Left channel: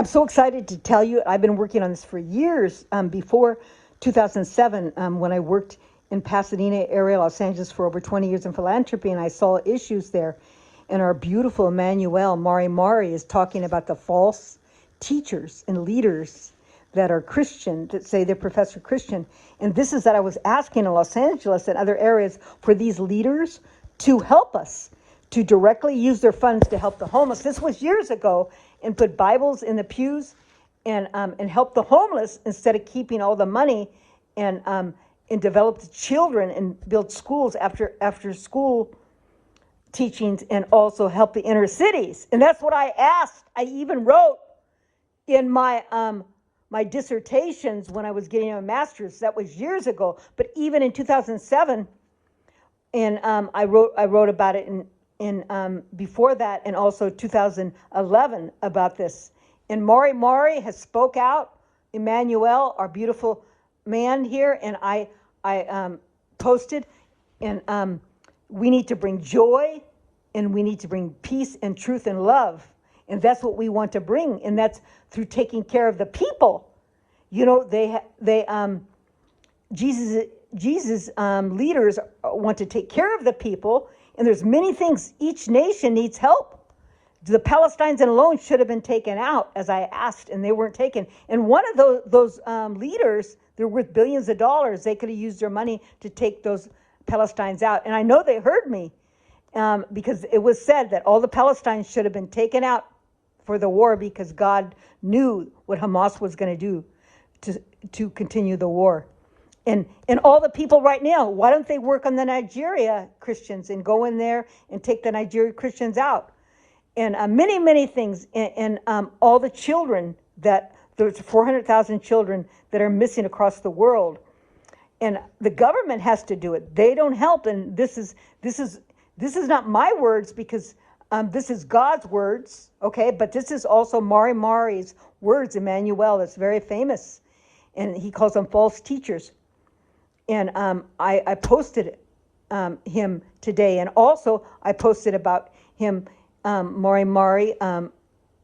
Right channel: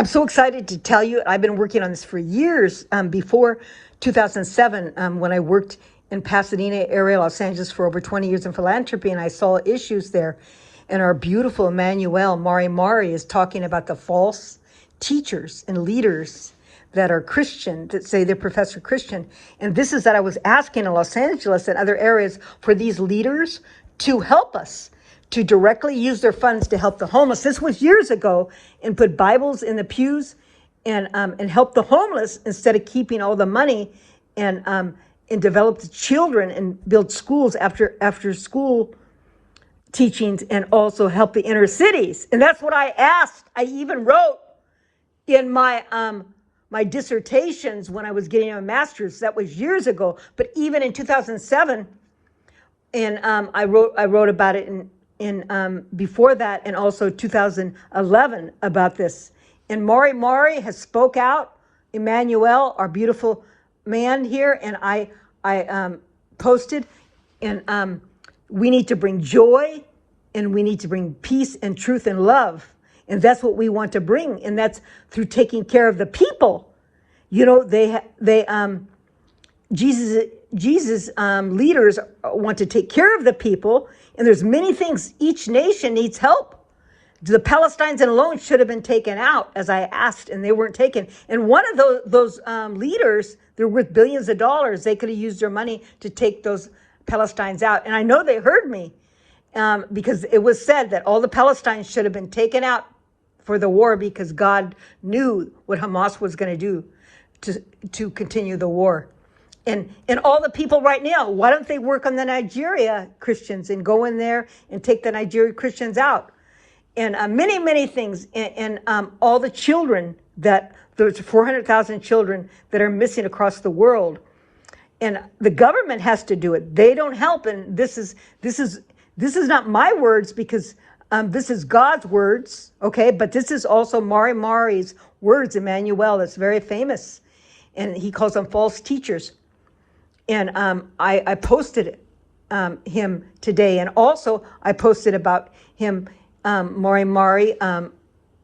I'm so excited to tell you, I've been working on this for years, before 2007, when I worked in Pasadena area, Los Angeles for over 20 years in philanthropy, and I saw issues there. And our beautiful Emanuel, Mari is talking about the false teachers and leaders that are Christian, that say they're Professor Christian. And this is that I was asking in Los Angeles and other areas for these leaders to help us, to directly use their funds to help the homeless. This was years ago, and put Bibles in the pews and help the homeless instead of keeping all the money and develop the children and build schools after school teachings, and also help the inner cities. And that's what I asked. I even wrote in my my dissertations when I was getting a master's. That was years ago. But even in 2007, and I wrote about it in before that, and also 2011 about this. And Mari has spoke out. Emmanuel, our beautiful man here, and I posted, and we need to bring joy, and we need to bring peace and truth and love. And that's what we want to bring. And that's through taking care of the people. You know, Jesus leaders want to take care of the people. And there's many things. Each nation needs help. The Palestinians alone should have been taken out, as I asked, and they weren't taken. And one of those leaders, they're worth billions of dollars. They could have used their money to take those Palestinians out. And I know they heard me, because it was said that all the Palestinians should have been taken out for the war, because God knew what Hamas was going to do to continue the war. And all the people right now, why don't they work on the Nigeria Christians and go in there and take the Nigeria Christians out? And many things. And all the children, that there's 400,000 children that are missing across the world. And the government has to do it. They don't help. And this is not my words, because this is God's words, okay? But this is also Mari's words, Emmanuel, that's very famous. And he calls them false teachers. And I posted him today. And also I posted about him, Mari,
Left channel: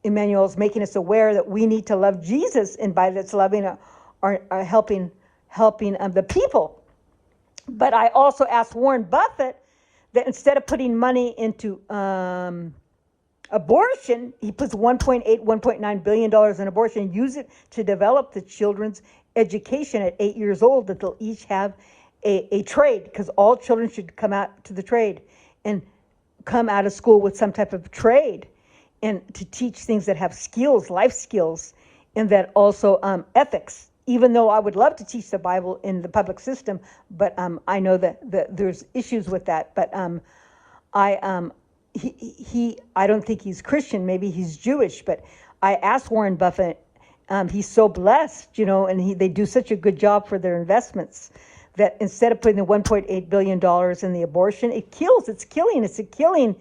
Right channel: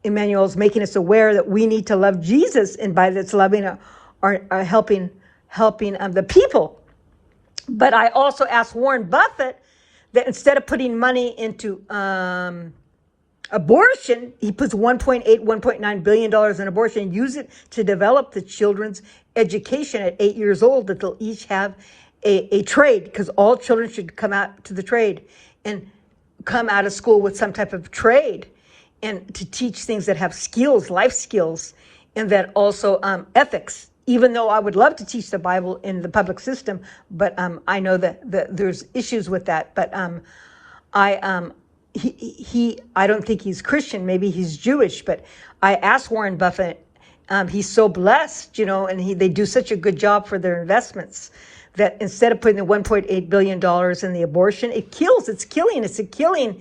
Emmanuel's making us aware that we need to love Jesus, and by that's loving or helping the people. But I also asked Warren Buffett that instead of putting money into abortion, he puts $1.9 billion in abortion, use it to develop the children's education at 8 years old, that they'll each have a trade, because all children should come out to the trade and come out of school with some type of trade, and to teach things that have skills, life skills, and that also ethics. Even though I would love to teach the Bible in the public system, but I know that there's issues with that. But I don't think he's Christian. Maybe he's Jewish. But I asked Warren Buffett. He's so blessed, you know, and they do such a good job for their investments, that instead of putting the $1.8 billion in the abortion, it's a killing.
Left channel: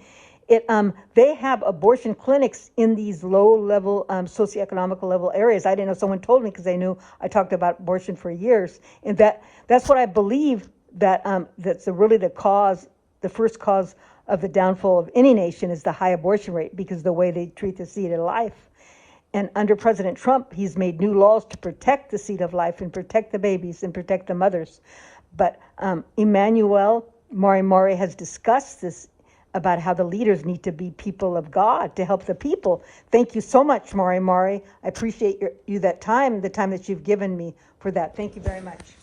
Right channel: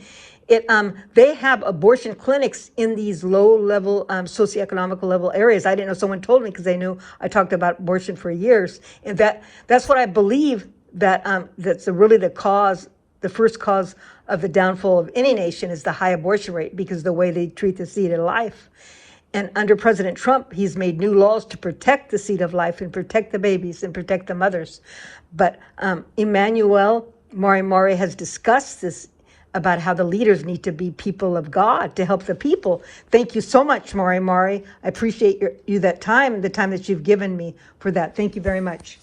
They have abortion clinics in these low-level, socioeconomical level areas. I didn't know, someone told me, because they knew I talked about abortion for years. And that's what I believe, that that's really the first cause of the downfall of any nation is the high abortion rate, because the way they treat the seed of life. And under President Trump, he's made new laws to protect the seed of life and protect the babies and protect the mothers. But Emmanuel, Mari has discussed this, about how the leaders need to be people of God to help the people. Thank you so much, Mari. I appreciate the time that you've given me for that. Thank you very much.